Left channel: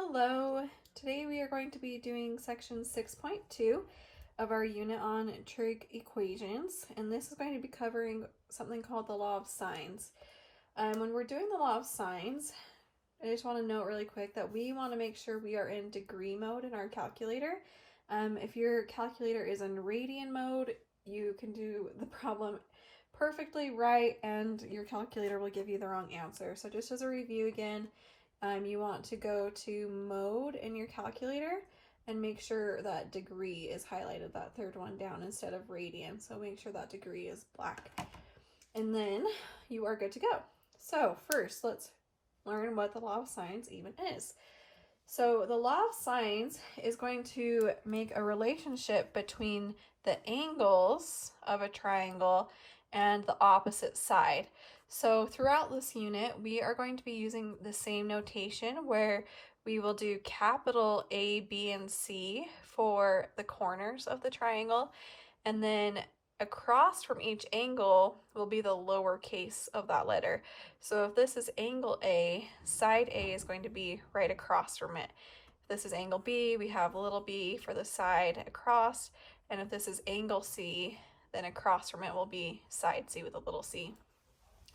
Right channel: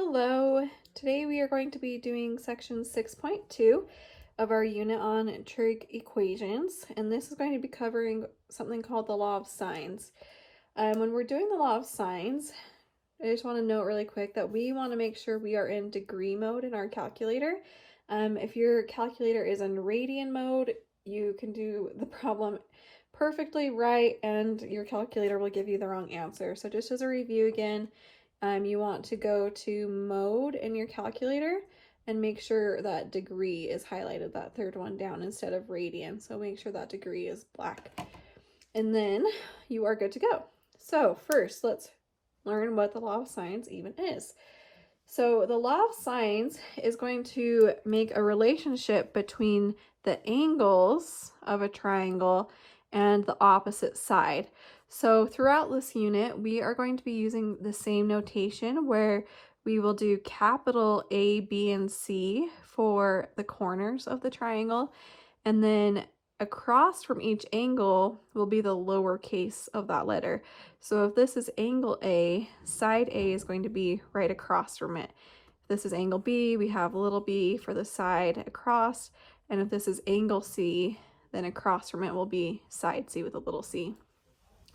Hello, today we are going to be doing section 6.2 of our unit on trig equations, and this is going to be covering something called the law of sines. When we're doing the law of sines, I just want to note really quick that we want to make sure we are in degree mode in our calculator. If your calculator is in radian mode, you can do the problem perfectly right and your calculator will give you the wrong answer. So just as a review again, you want to go to mode in your calculator and make sure that degree is highlighted, that third one down instead of radian. So make sure that degree is black. And then you are good to go. So first, let's learn what the law of sines even is. So the law of sines is going to make a relationship between the angles of a triangle and the opposite side. So throughout this unit, we are going to be using the same notation where we will do capital A, B, and C for the corners of the triangle, and then across from each angle will be the lowercase of that letter. So if this is angle A, side A is going to be right across from it. If this is angle B, we have little b for the side across, and if this is angle C, then across from it will be side C with a little c.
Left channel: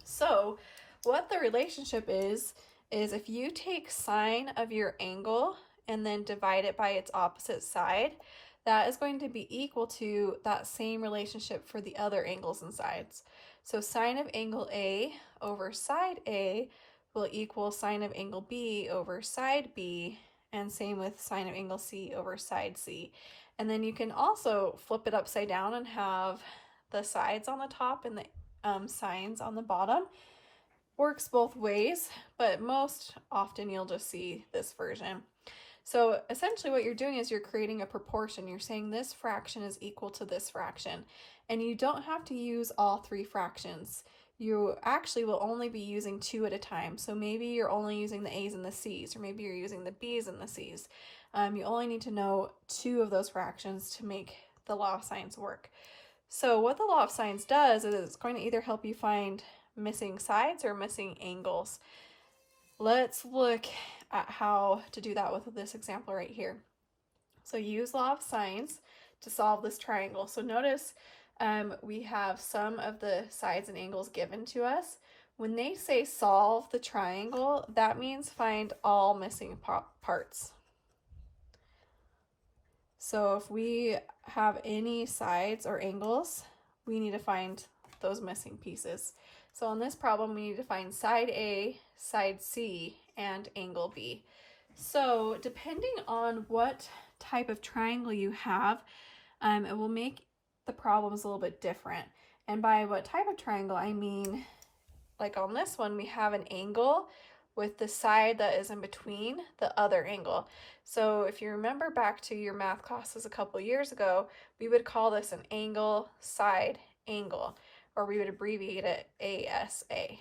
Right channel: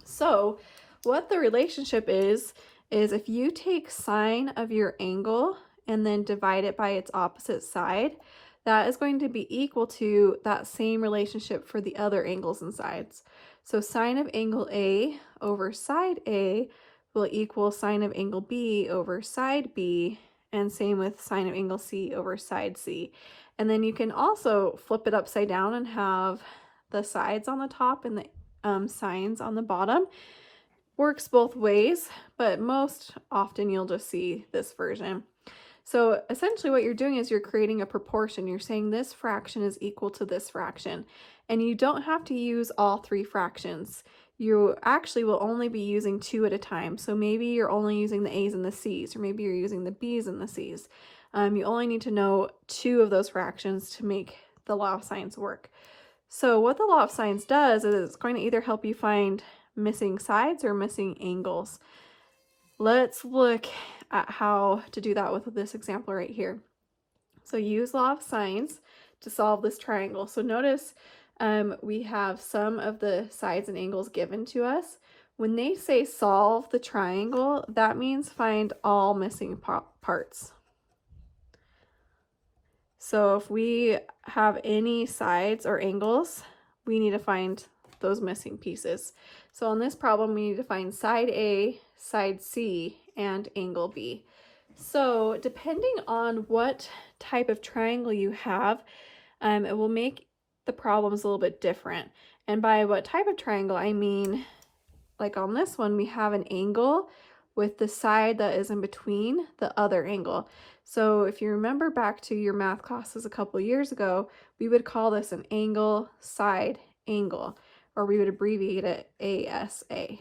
So what the relationship is if you take sine of your angle and then divide it by its opposite side, that is going to be equal to that same relationship for the other angles and sides. So sine of angle A over side A will equal sine of angle B over side B, and same with sine of angle C over side C. And then you can also flip it upside down and have the sides on the top and the sines on the bottom. Works both ways, but most often you'll just see this version. So essentially what you're doing is you're creating a proportion. You're saying this fraction is equal to this fraction, and you don't have to use all three fractions. You actually will only be using two at a time. So maybe you're only using the A's and the C's, or maybe you're using the B's and the C's. You only need to know two of those fractions to make the law of sines work. So what the law of sines does is it's going to either help you find missing sides or missing angles. Let's look at how to do that with this example right here. So use law of sines to solve this triangle. So notice we have some of the sides and angles given to us. When they say solve the triangle, that means find all missing parts. So if we have any sides or angles, we need to find those missing pieces. So on this problem, we need to find side A, side C, and angle B. So depending on what type of triangle you have, it will make the problems a little bit different. And by what type of triangle, I mean, like on this one, we have an angle with the side that is in between the other angle. So if you remember back to your math classes a couple of years ago, we would call this an angle side angle, or we would abbreviate it ASA.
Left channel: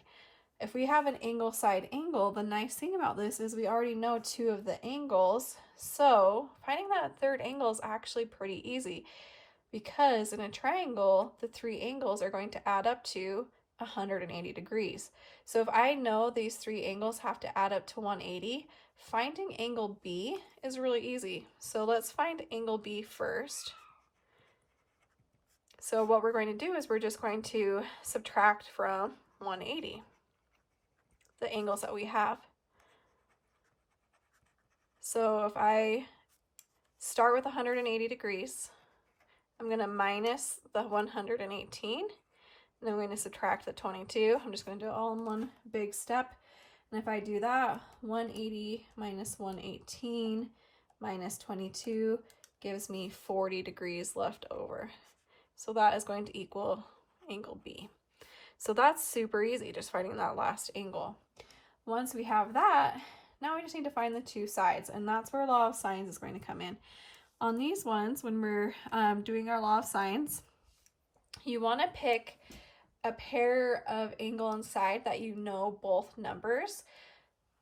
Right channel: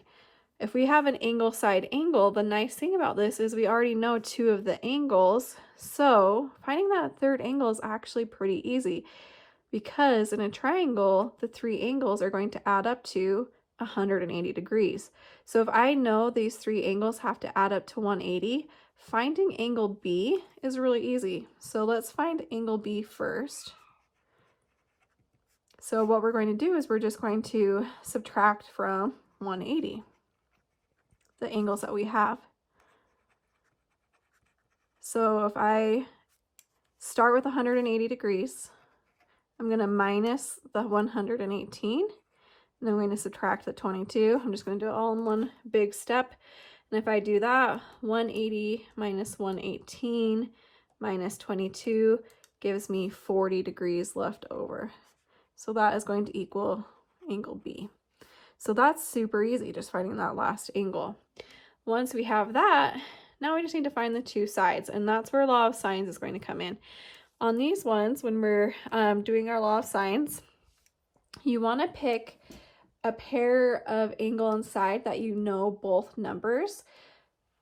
If we have an angle side angle, the nice thing about this is we already know two of the angles, so finding that third angle is actually pretty easy, because in a triangle, the three angles are going to add up to 180 degrees. So if I know these three angles have to add up to 180, finding angle B is really easy. So let's find angle B first. So what we're going to do is we're just going to subtract from 180, the angles that we have. So if I start with 180 degrees, I'm going to minus the 118, and I'm going to subtract the 22. I'm just going to do it all in one big step. And if I do that, 180 minus 118 minus 22 gives me 40 degrees left over. So that is going to equal angle B. So that's super easy, just finding that last angle. Once we have that, now we just need to find the two sides, and that's where law of sines is going to come in. On these ones, when we're doing our law of sines, you want to pick a pair of angle and side that you know both numbers.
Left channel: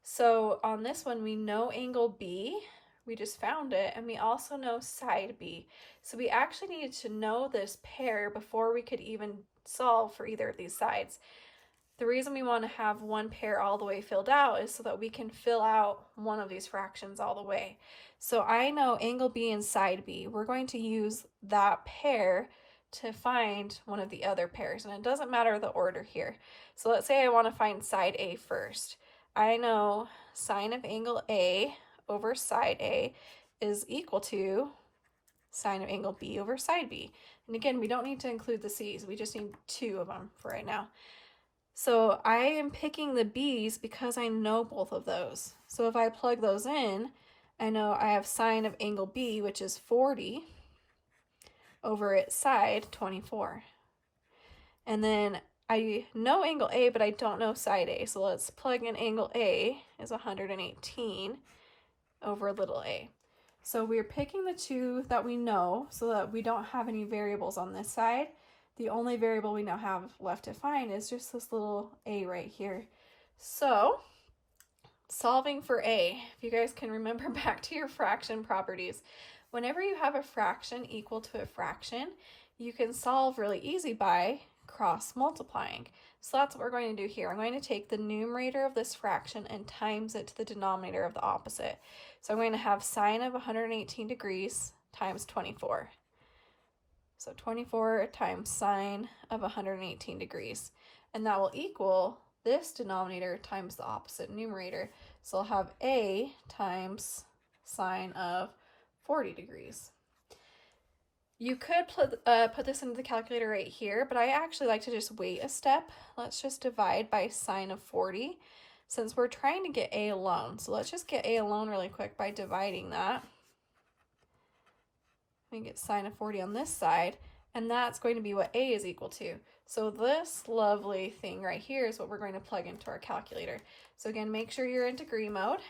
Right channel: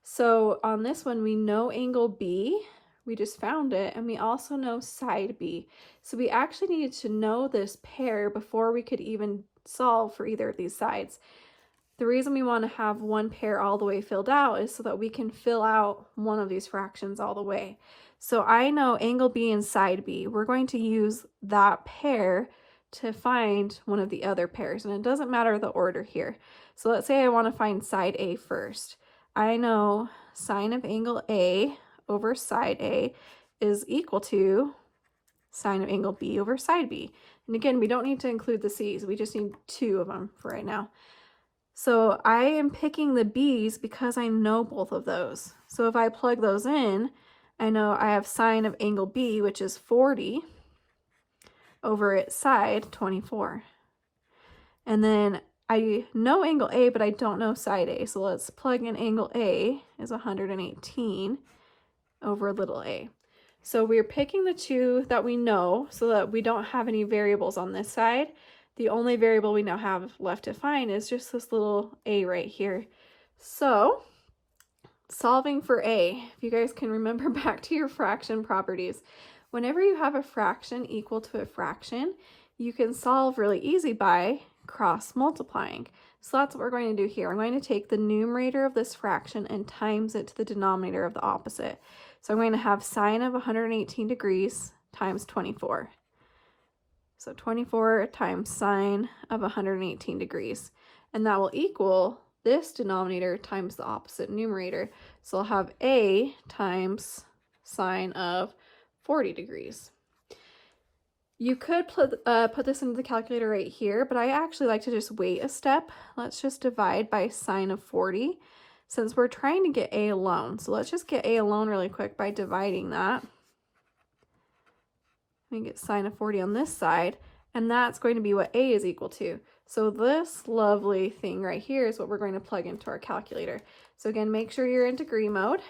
So on this one, we know angle B, we just found it, and we also know side B. So we actually needed to know this pair before we could even solve for either of these sides. The reason we want to have one pair all the way filled out is so that we can fill out one of these fractions all the way. So I know angle B and side B. We're going to use that pair to find one of the other pairs, and it doesn't matter the order here. So let's say I want to find side A first. I know sine of angle A over side A is equal to sine of angle B over side B. And again, we don't need to include the C's. We just need 2 of them for right now. So I am picking the B's because I know both of those. So if I plug those in, I know I have sine of angle B, which is 40, over its side, 24. And then I know angle A, but I don't know side A. So let's plug in angle A is 118 over little a. So we're picking the 2 that we know so that we don't have any variables on this side. The only variable we now have left to find is just this little a right here. So solving for a, if you guys can remember back to your fraction properties, whenever you have a fraction equal to a fraction, you can solve really easy by cross multiplying. So that's what we're going to do here. I'm going to take the numerator of this fraction and times it to the denominator of the opposite. So I'm going to have sine of 118 degrees times 24. So 24 times sine of 118 degrees. And that will equal this denominator times the opposite numerator. So I'll have a times sine of 40 degrees. You could put this into the calculator right here, but I actually like to just wait a step. Let's just divide by sine of 40 since we're trying to get a alone. So let's just get a alone really quick by dividing that. We get sine of 40 on this side, and that's going to be what a is equal to. So this lovely thing right here is what we're going to plug into our calculator. So again, make sure you're in degree mode,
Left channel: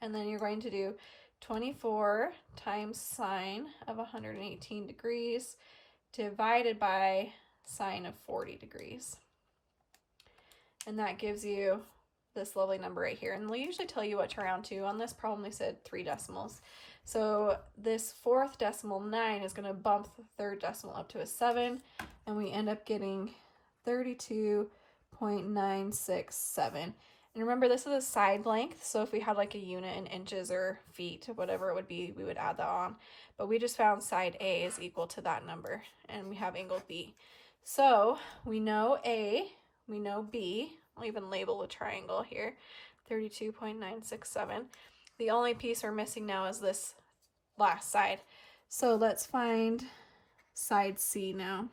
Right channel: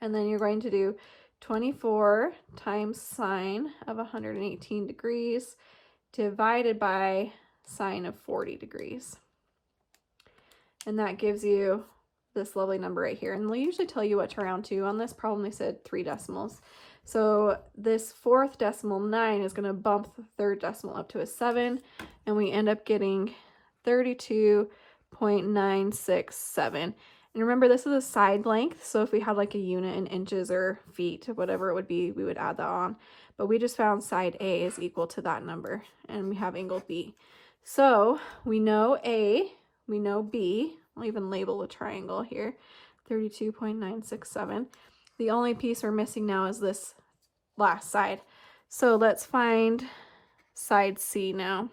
and then you're going to do 24 times sine of 118 degrees divided by sine of 40 degrees. And that gives you this lovely number right here. And we usually tell you what to round to. On this problem, they said 3 decimals. So this 4th decimal 9 is going to bump the 3rd decimal up to a 7, and we end up getting 32.967. And remember, this is a side length, so if we had like a unit in inches or feet, whatever it would be, we would add that on. But we just found side A is equal to that number, and we have angle B. So we know A, we know B. I'll even label a triangle here, 32.967. The only piece we're missing now is this last side. So let's find side C now.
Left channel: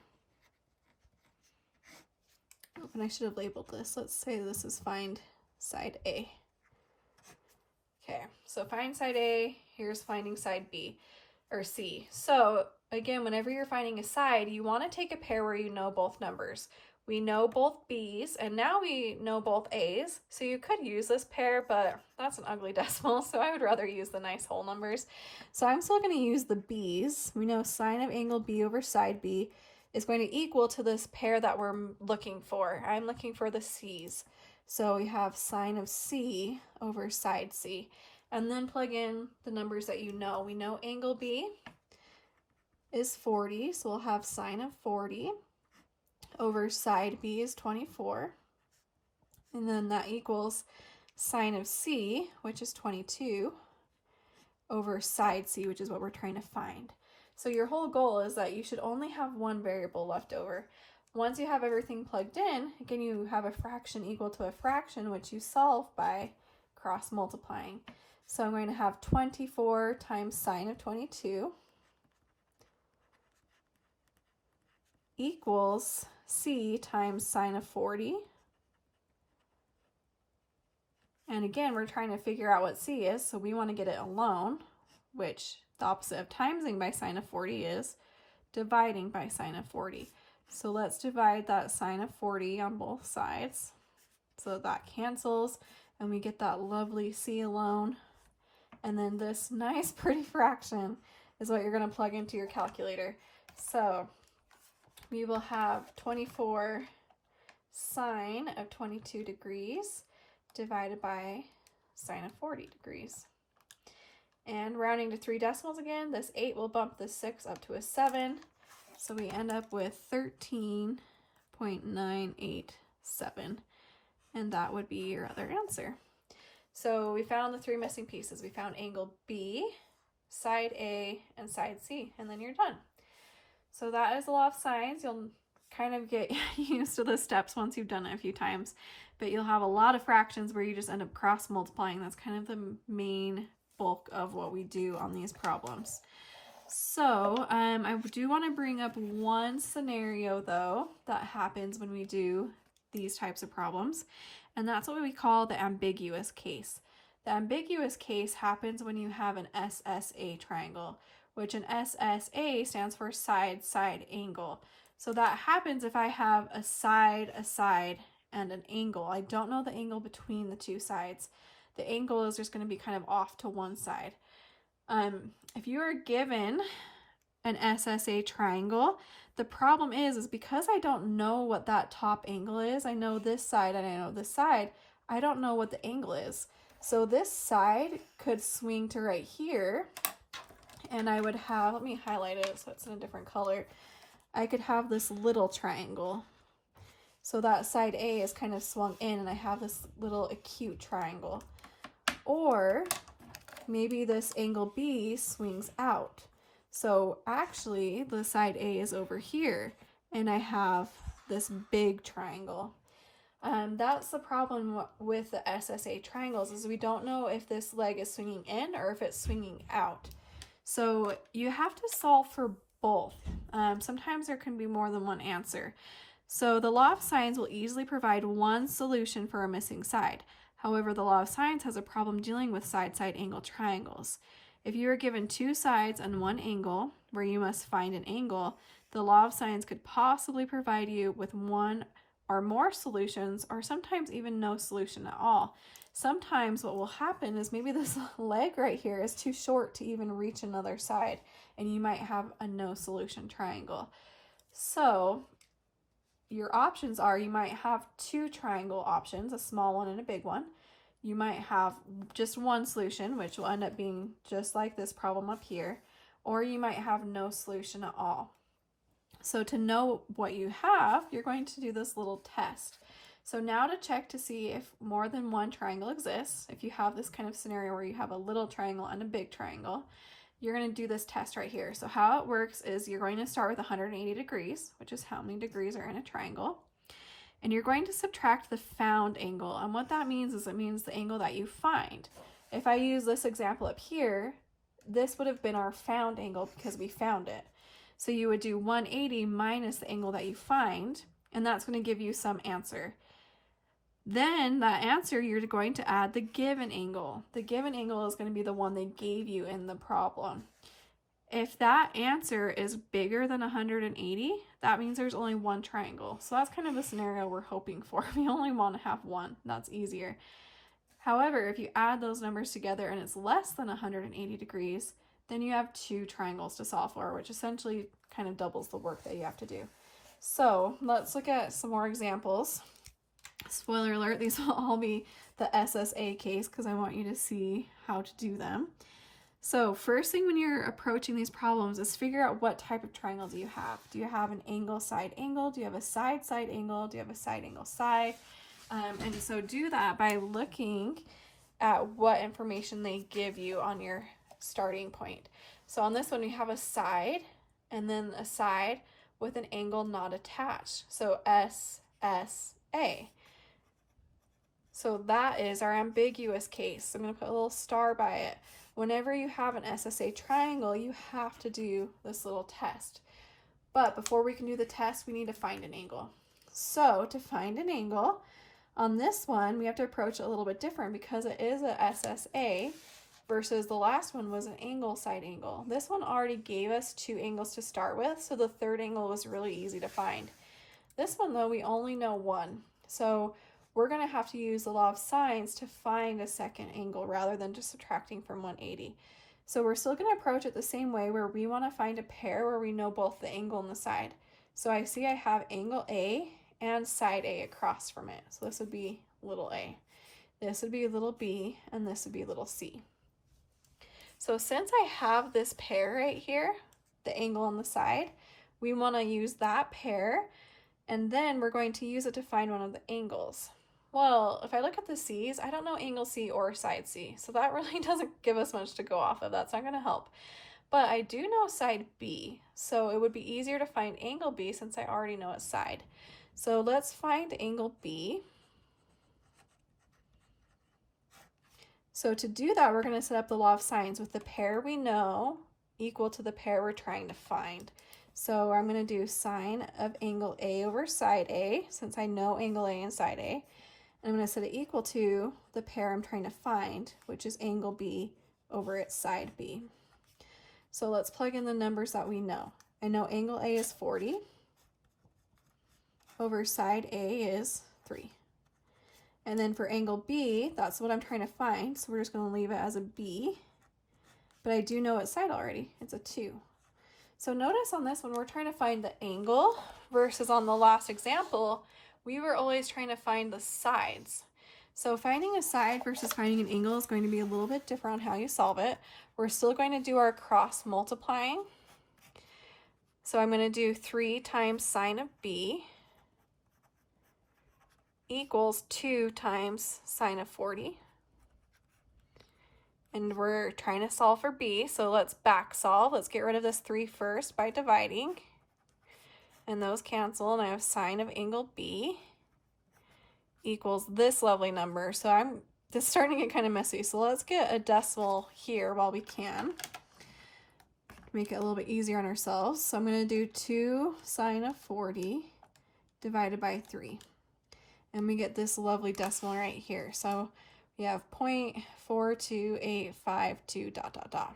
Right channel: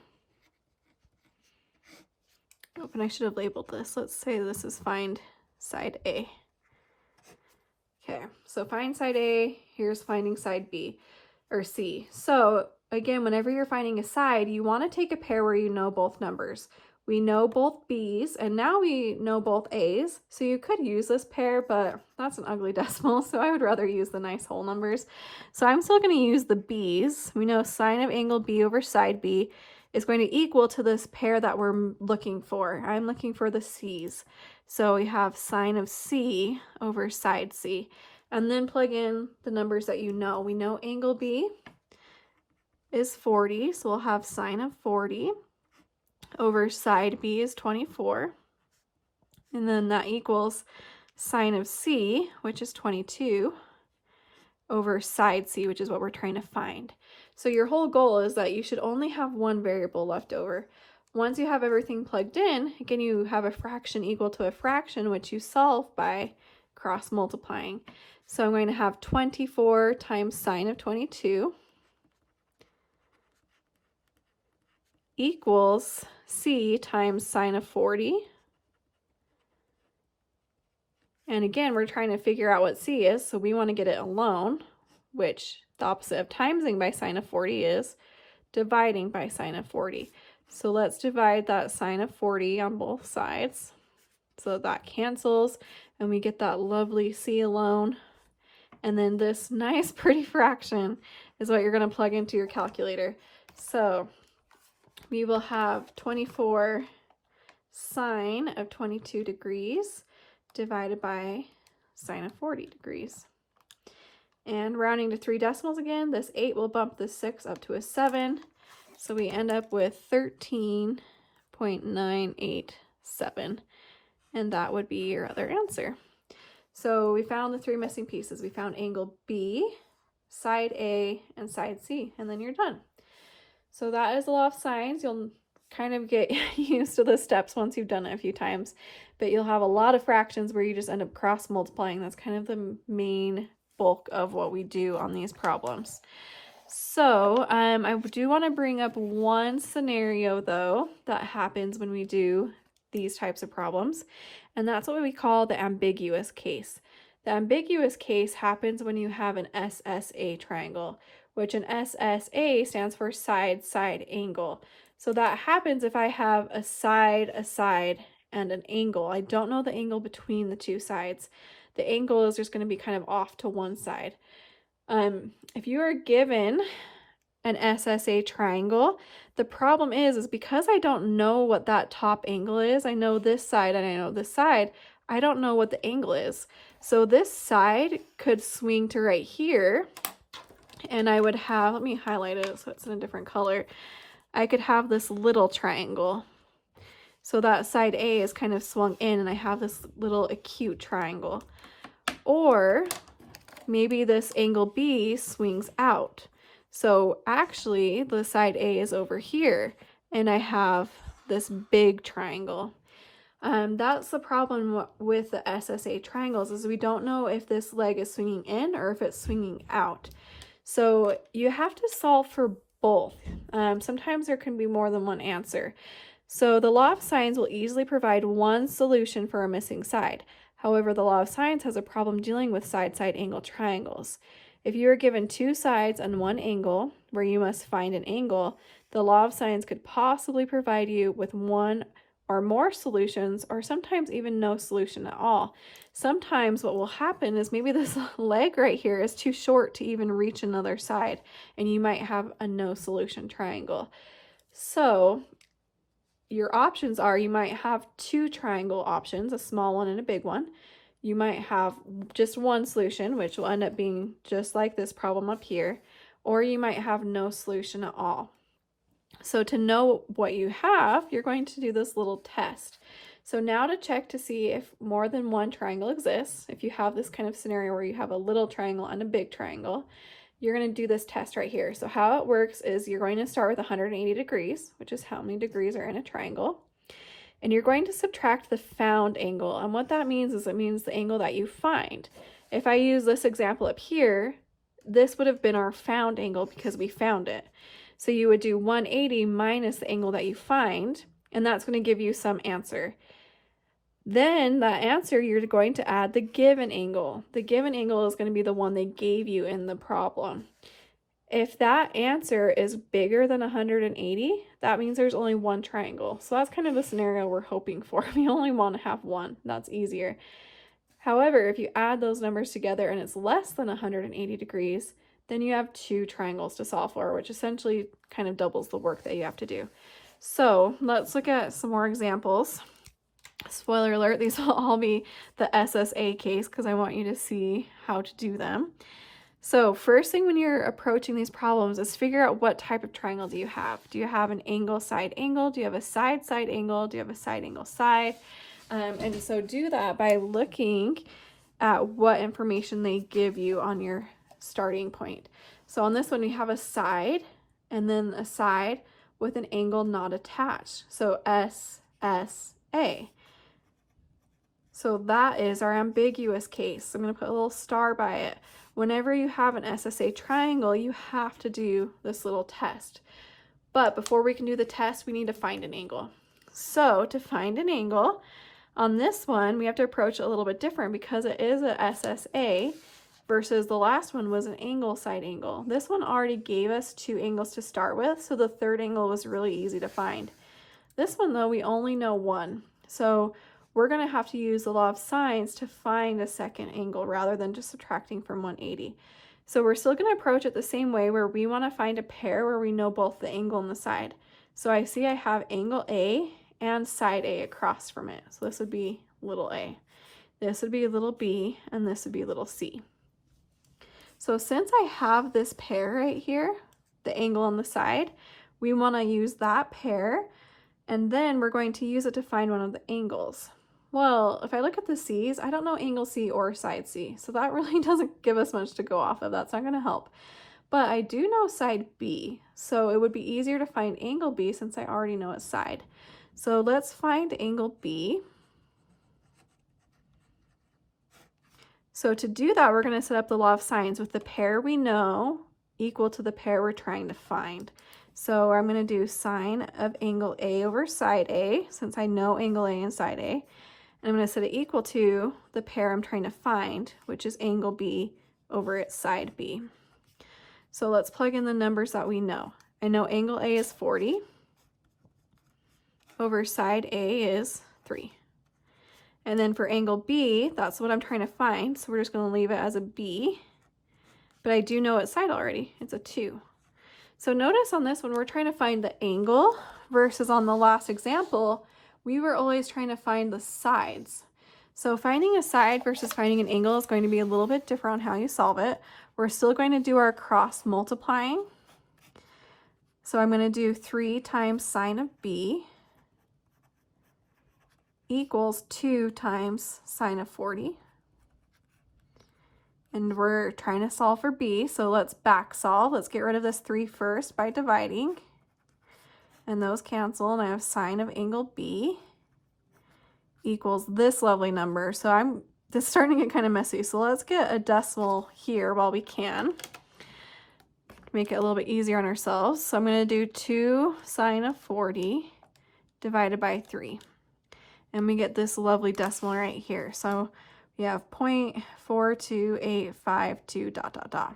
Oh, and I should have labeled this. Let's say this is find side A. Okay, so find side A, here's finding side B, or C. So again, whenever you're finding a side, you want to take a pair where you know both numbers. We know both B's, and now we know both A's, so you could use this pair, but that's an ugly decimal, so I would rather use the nice whole numbers. So I'm still going to use the B's. We know sine of angle B over side B is going to equal to this pair that we're looking for. I'm looking for the C's. So we have sine of C over side C, and then plug in the numbers that you know. We know angle B is 40, so we'll have sine of 40 over side B is 24, and then that equals sine of C, which is 22, over side C, which is what we're trying to find. So your whole goal is that you should only have one variable left over. Once you have everything plugged in, again, you have a fraction equal to a fraction, which you solve by cross multiplying. So I'm going to have 24 times sine of 22 equals C times sine of 40. And again, we're trying to figure out what C is, so we want to get it alone, which the opposite of timesing by sine of 40 is dividing by sine of 40. So let's divide that sine of 40 on both sides. So that cancels, and we get that lovely C alone. And then this nice pretty fraction is what you're going to plug into your calculator. So we will have 24 sine of 22 degrees divided by sine of 40 degrees. And rounding to 3 decimals again, this 8 will bump the 6 up to a 7. So we end up with 13.987. and that would be your other answer. So we found the 3 missing pieces. We found angle B, side A, and side C, and then you're done. So that is the law of sines. You'll kind of get used to the steps once you've done it a few times, but you'll have a lot of fractions where you just end up cross multiplying. That's kind of the main bulk of what we do on these problems. So I do want to bring up one scenario though that happens when we do these types of problems, and that's what we call the ambiguous case. The ambiguous case happens when you have an SSA triangle, which an SSA stands for side-side angle. So that happens if I have a side, and an angle. I don't know the angle between the two sides. The angle is just going to be kind of off to one side. If you are given an SSA triangle, the problem is because I don't know what that top angle is. I know this side and I know this side. I don't know what the angle is. So this side could swing to right here, and I would have, let me highlight it so it's in a different color. I could have this little triangle. So that side A is kind of swung in, and I have this little acute triangle. Or maybe this angle B swings out. So actually the side A is over here, and I have this big triangle. That's the problem with the SSA triangles, is we don't know if this leg is swinging in or if it's swinging out. So you have to solve for both. Sometimes there can be more than one answer. So the law of sines will easily provide one solution for a missing side. However, the law of sines has a problem dealing with side-side angle triangles. If you are given 2 sides and 1 angle, where you must find an angle, the law of sines could possibly provide you with 1 or more solutions, or sometimes even no solution at all. Sometimes what will happen is maybe this leg right here is too short to even reach another side, and you might have a no solution triangle. So your options are, you might have 2 triangle options, a small one and a big one. You might have just 1 solution, which will end up being just like this problem up here, or you might have no solution at all. So to know what you have, you're going to do this little test. So now to check to see if more than 1 triangle exists, if you have this kind of scenario where you have a little triangle and a big triangle, you're going to do this test right here. So how it works is you're going to start with 180 degrees, which is how many degrees are in a triangle. And you're going to subtract the found angle. And what that means is it means the angle that you find. If I use this example up here, this would have been our found angle because we found it. So you would do 180 minus the angle that you find, and that's going to give you some answer. Then that answer, you're going to add the given angle. The given angle is going to be the one they gave you in the problem. If that answer is bigger than 180, that means there's only 1 triangle. So that's kind of the scenario we're hoping for. We only want to have 1. That's easier. However, if you add those numbers together and it's less than 180 degrees, then you have 2 triangles to solve for, which essentially kind of doubles the work that you have to do. So let's look at some more examples. Spoiler alert, these will all be the SSA case because I want you to see how to do them. So first thing when you're approaching these problems is figure out what type of triangle do you have. Do you have an angle side angle? Do you have a side side angle? Do you have a side angle side? And so do that by looking at what information they give you on your starting point. So on this one we have a side and then a side with an angle not attached. So SSA. So that is our ambiguous case. I'm going to put a little star by it. Whenever you have an SSA triangle, you have to do this little test. But before we can do the test, we need to find an angle. So to find an angle, on this one, we have to approach it a little bit different because it is an SSA versus the last one was an angle side angle. This one already gave us 2 angles to start with, so the third angle was really easy to find. This one though, we only know 1. So we're going to have to use the law of sines to find the second angle rather than just subtracting from 180. So we're still going to approach it the same way where we want to find a pair where we know both the angle and the side. So I see I have angle A and side A across from it. So this would be little a. This would be little b, and this would be little c. So since I have this pair right here, the angle on the side, we want to use that pair, and then we're going to use it to find one of the angles. Well, if I look at the C's, I don't know angle C or side C, so that really doesn't give us much to go off of. That's not going to help. But I do know side B, so it would be easier to find angle B since I already know its side. So let's find angle B. So to do that, we're going to set up the law of sines with the pair we know equal to the pair we're trying to find. So I'm going to do sine of angle A over side A, since I know angle A and side A. And I'm going to set it equal to the pair I'm trying to find, which is angle B over its side B. So let's plug in the numbers that we know. I know angle A is 40 over side A is 3. And then for angle B, that's what I'm trying to find, so we're just going to leave it as a B. But I do know its side already. It's a 2. So notice on this one, we're trying to find the angle versus on the last example, we were always trying to find the sides. So finding a side versus finding an angle is going to be a little bit different on how you solve it. We're still going to do our cross multiplying. So I'm going to do 3 times sine of B equals 2 times sine of 40. And we're trying to solve for B, so let's back solve. Let's get rid of this 3 first by dividing. And those cancel, and I have sine of angle B equals this lovely number. So I'm just starting to get kind of messy. So let's get a decimal here while we can. Make it a little bit easier on ourselves. So I'm going to do 2 sine of 40 divided by 3. And we get this lovely decimal right here. So we have 0.42852 ...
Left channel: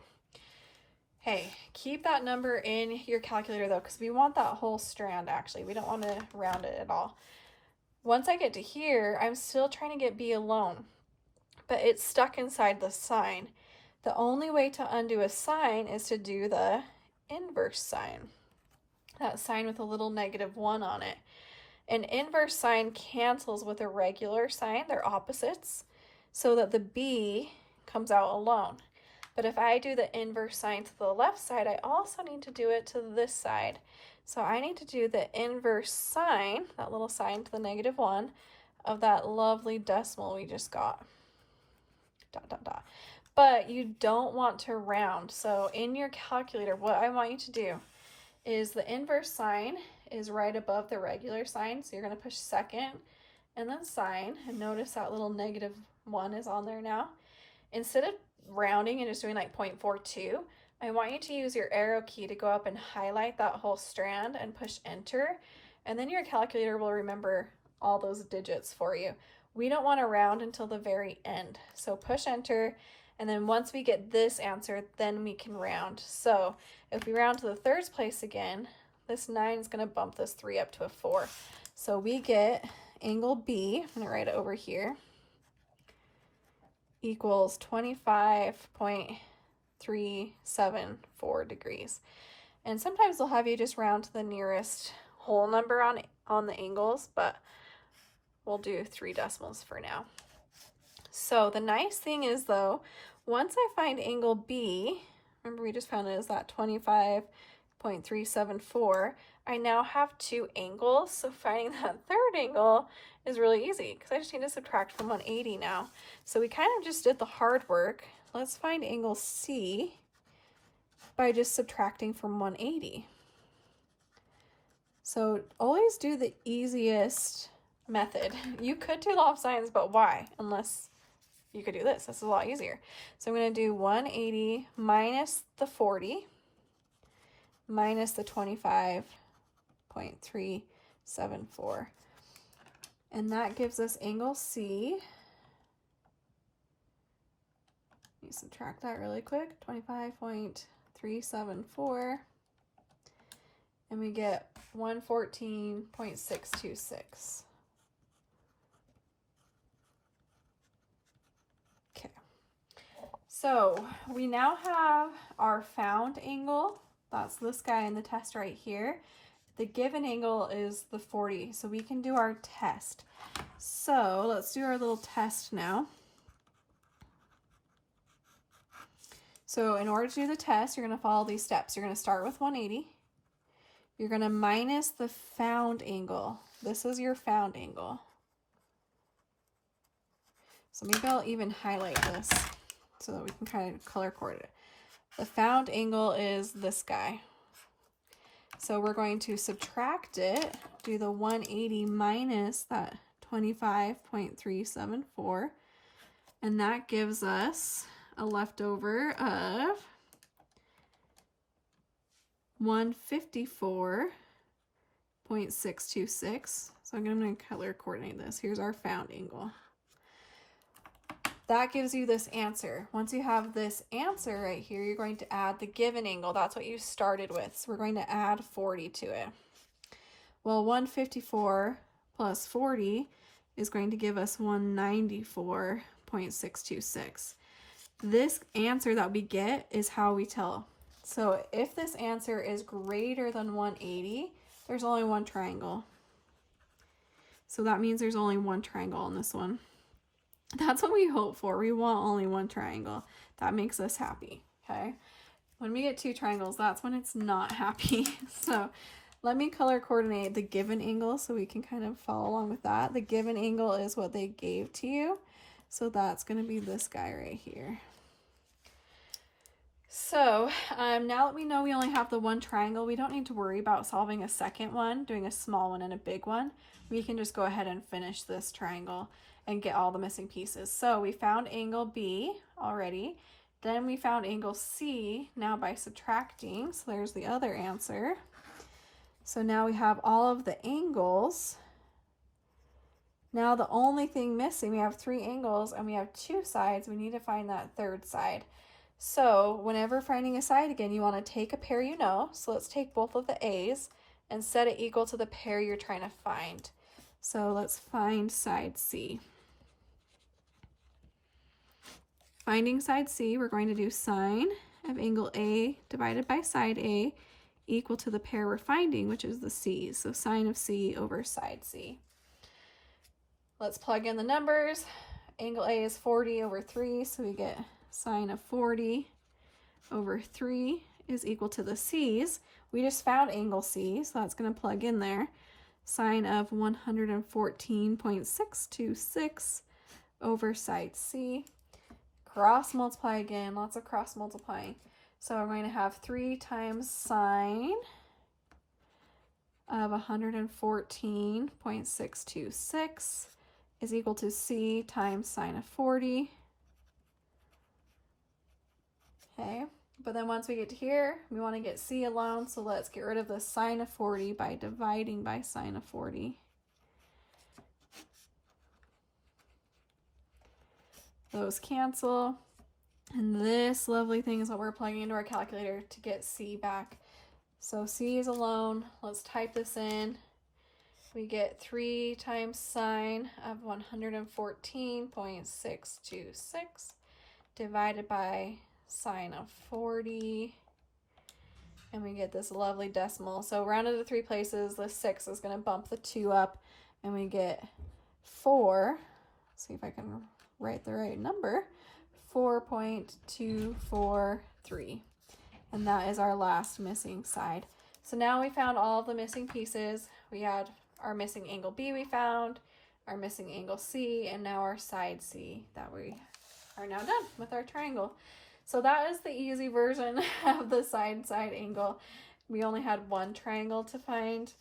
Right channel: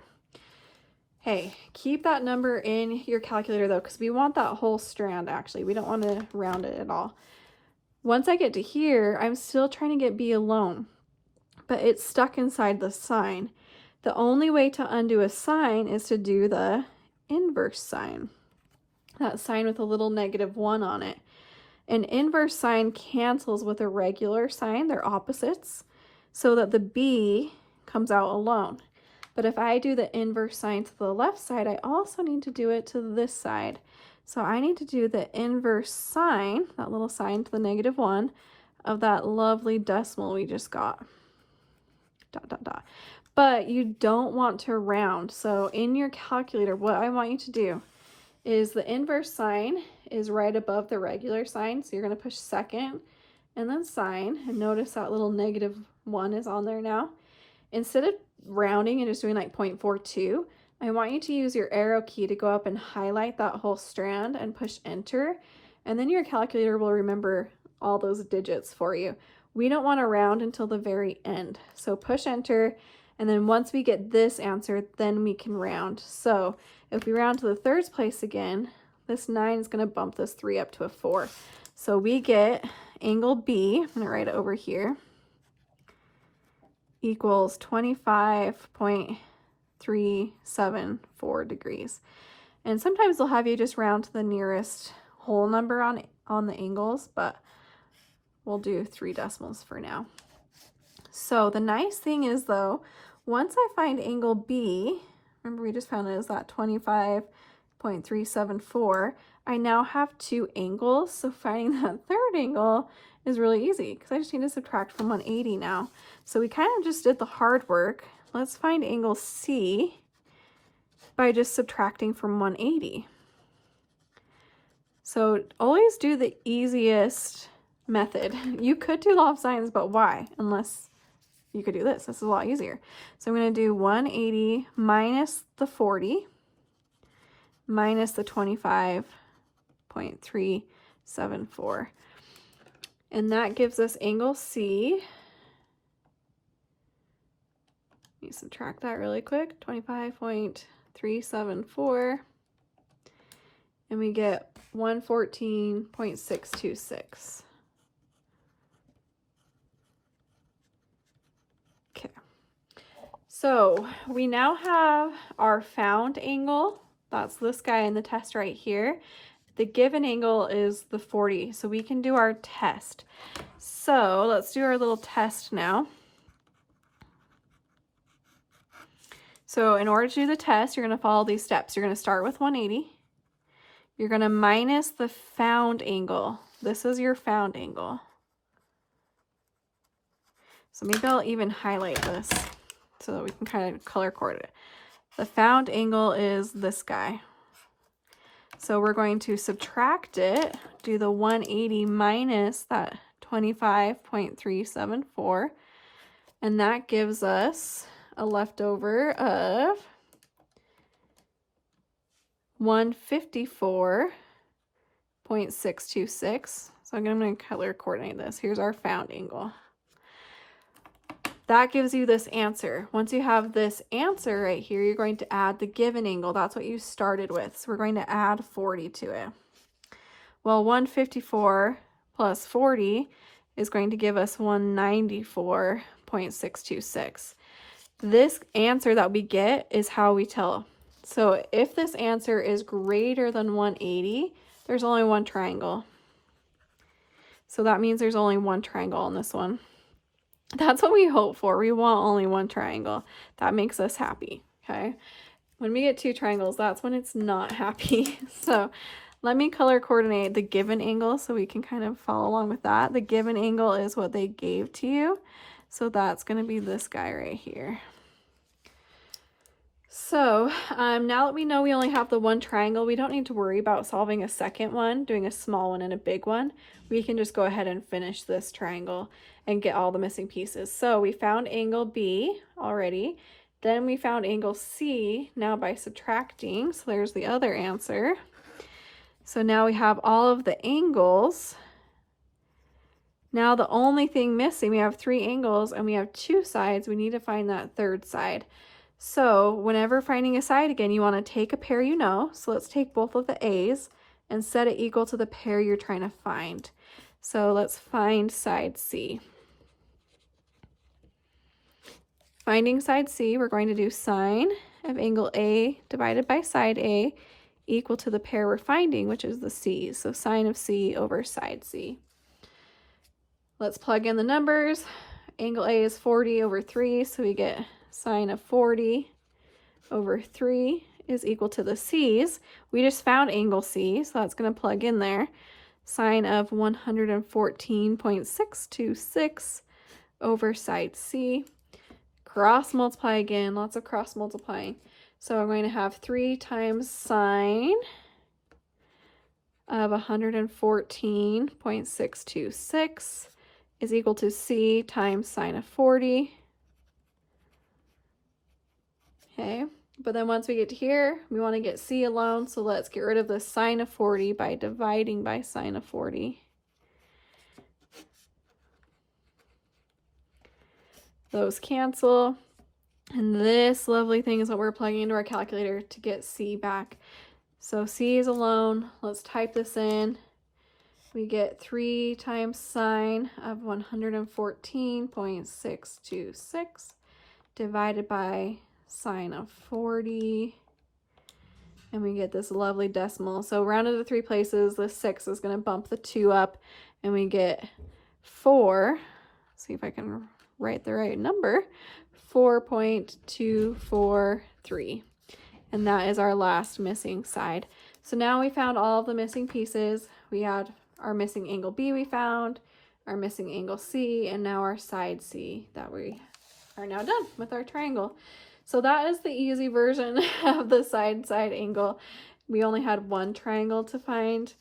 Hey, keep that number in your calculator though, because we want that whole strand actually. We don't want to round it at all. Once I get to here, I'm still trying to get B alone, but it's stuck inside the sign. The only way to undo a sign is to do the inverse sign. That sign with a little -1 on it. An inverse sign cancels with a regular sign, they're opposites, so that the B comes out alone. But if I do the inverse sign to the left side, I also need to do it to this side. So I need to do the inverse sign, that little sign to the -1, of that lovely decimal we just got. ... But you don't want to round. So in your calculator, what I want you to do is the inverse sign is right above the regular sign. So you're going to push second and then sign. And notice that little -1 is on there now. Instead of rounding and just doing like 0.42, I want you to use your arrow key to go up and highlight that whole strand and push enter. And then your calculator will remember all those digits for you. We don't want to round until the very end. So push enter. And then once we get this answer, then we can round. So if we round to the third place again, this 9 is going to bump this 3 up to a 4. So we get angle B, I'm going to write it over here, equals 25.374 degrees. And sometimes they'll have you just round to the nearest whole number on the angles, but we'll do 3 decimals for now. So the nice thing is though, once I find angle B, remember we just found it as that 25.374, I now have 2 angles, so finding that third angle is really easy because I just need to subtract from 180 now. So we kind of just did the hard work. Let's find angle C by just subtracting from 180. So always do the easiest method. You could do law of sines, but why? Unless you could do this. This is a lot easier. So I'm going to do 180 minus the 40 minus the 25.374. And that gives us angle C. Let me subtract that really quick. 25.374. And we get 114.626. So we now have our found angle. That's this guy in the test right here. The given angle is the 40, so we can do our test. So let's do our little test now. So in order to do the test, you're going to follow these steps. You're going to start with 180. You're going to minus the found angle. This is your found angle. So maybe I'll even highlight this so that we can kind of color coordinate it. The found angle is this guy. So we're going to subtract it, do the 180 minus that 25.374, and that gives us a leftover of 154.626. So I'm going to color coordinate this. Here's our found angle. That gives you this answer. Once you have this answer right here, you're going to add the given angle. That's what you started with. So we're going to add 40 to it. Well, 154 plus 40 is going to give us 194.626. This answer that we get is how we tell. So if this answer is greater than 180, there's only one triangle. So that means there's only one triangle on this one. That's what we hope for. We want only one triangle. That makes us happy, okay? When we get two triangles, that's when it's not happy. So let me color coordinate the given angle so we can kind of follow along with that. The given angle is what they gave to you. So that's going to be this guy right here. So now that we know we only have the one triangle, we don't need to worry about solving a second one, doing a small one and a big one. We can just go ahead and finish this triangle and get all the missing pieces. So we found angle B already. Then we found angle C now by subtracting. So there's the other answer. So now we have all of the angles. Now the only thing missing, we have three angles and we have two sides. We need to find that third side. So whenever finding a side again, you want to take a pair you know. So let's take both of the A's and set it equal to the pair you're trying to find. So let's find side C. Finding side C, we're going to do sine of angle A divided by side A equal to the pair we're finding, which is the C's. So sine of C over side C. Let's plug in the numbers. Angle A is 40 over 3, so we get sine of 40 over 3 is equal to the C's. We just found angle C, so that's going to plug in there. Sine of 114.626 over side C. Cross multiply again, lots of cross multiplying. So we're going to have 3 times sine of 114.626 is equal to C times sine of 40. Okay, but then once we get to here, we want to get C alone, so let's get rid of the sine of 40 by dividing by sine of 40. Those cancel, and this lovely thing is what we're plugging into our calculator to get C back. So C is alone. Let's type this in. We get 3 times sine of 114.626 divided by sine of 40, and we get this lovely decimal. So rounded to 3 places, the 6 is going to bump the 2 up, and we get 4. See if I can write the right number. 4.243, and that is our last missing side. So now we found all of the missing pieces. We had our missing angle B we found, our missing angle C, and now our side C that we are now done with our triangle. So that is the easy version of the side angle. We only had one triangle to find.